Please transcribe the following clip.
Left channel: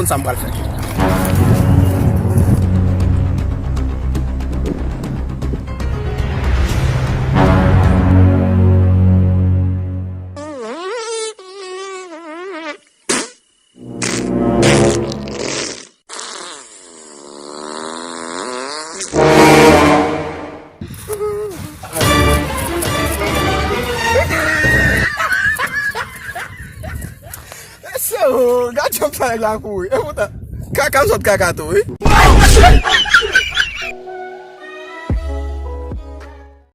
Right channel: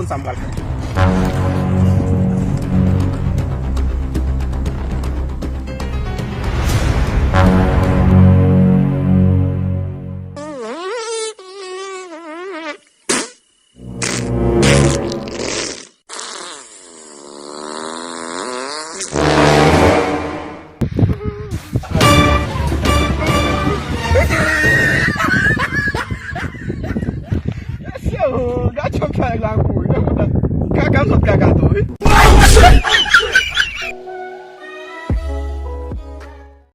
pun sambal saja. So, gacok saya lagu. Ya udah. Kakak sot kakak tuh.